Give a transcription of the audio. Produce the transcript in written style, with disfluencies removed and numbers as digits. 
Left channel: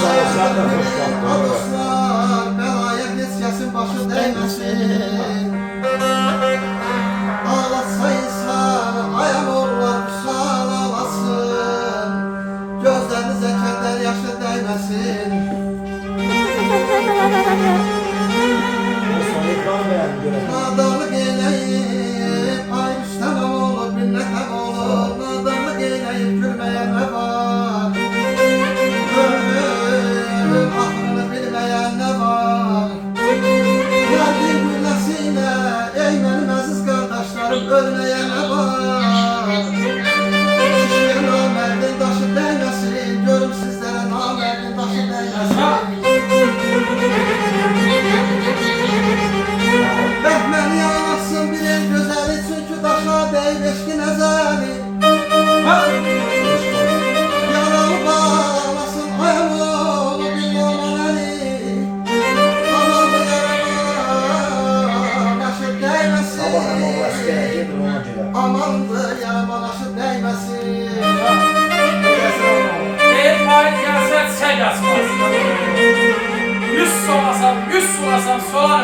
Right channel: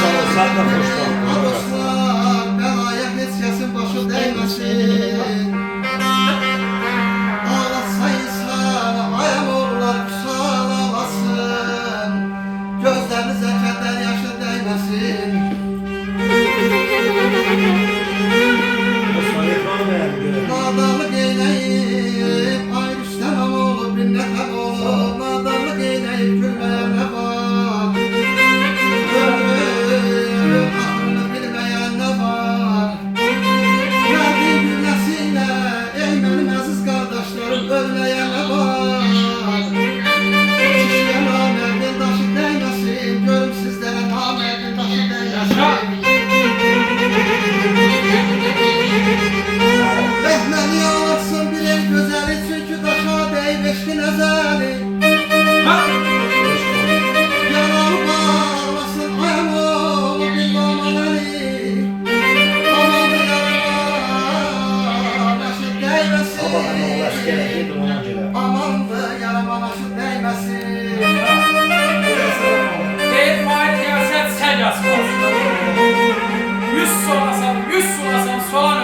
sağ ol, sen de hoş geldin. Dostlar, belaya hiç kesin başı değmesin. Ağlatsa insan, ayağım oğullar kusal ağlasın. Gözlerinize keder yaşı değmesin. Osman ekranı beğendi görelim. Nadanlık eyleyip, ay Rüstem oğlu, binnet oğlu. Nadanlık eyleyip, gülmeyen ne var? Ömrüm, aklını bilmeyen ne var? Geldi güllesiyle, ey benim aziz kardeşlerim, ölmeyen ne var? Şişke namerdin taşı değmesin, görüm sizlere namerdin taşı değmesin. Rəhməni yaratsın bir el gözəli, çünki daşa deyib eşqin əzəli. Yaralı bağlasın ayağım oğlu bir namanəli. Amandı yaraman aşı Sabah ama dəyməsin. uğraş geldi ona göre. Amandı yaraman aşı dəyməsin. Deyir faiz gəlsə çək açmaz. 100 solasam, 100 solasam solan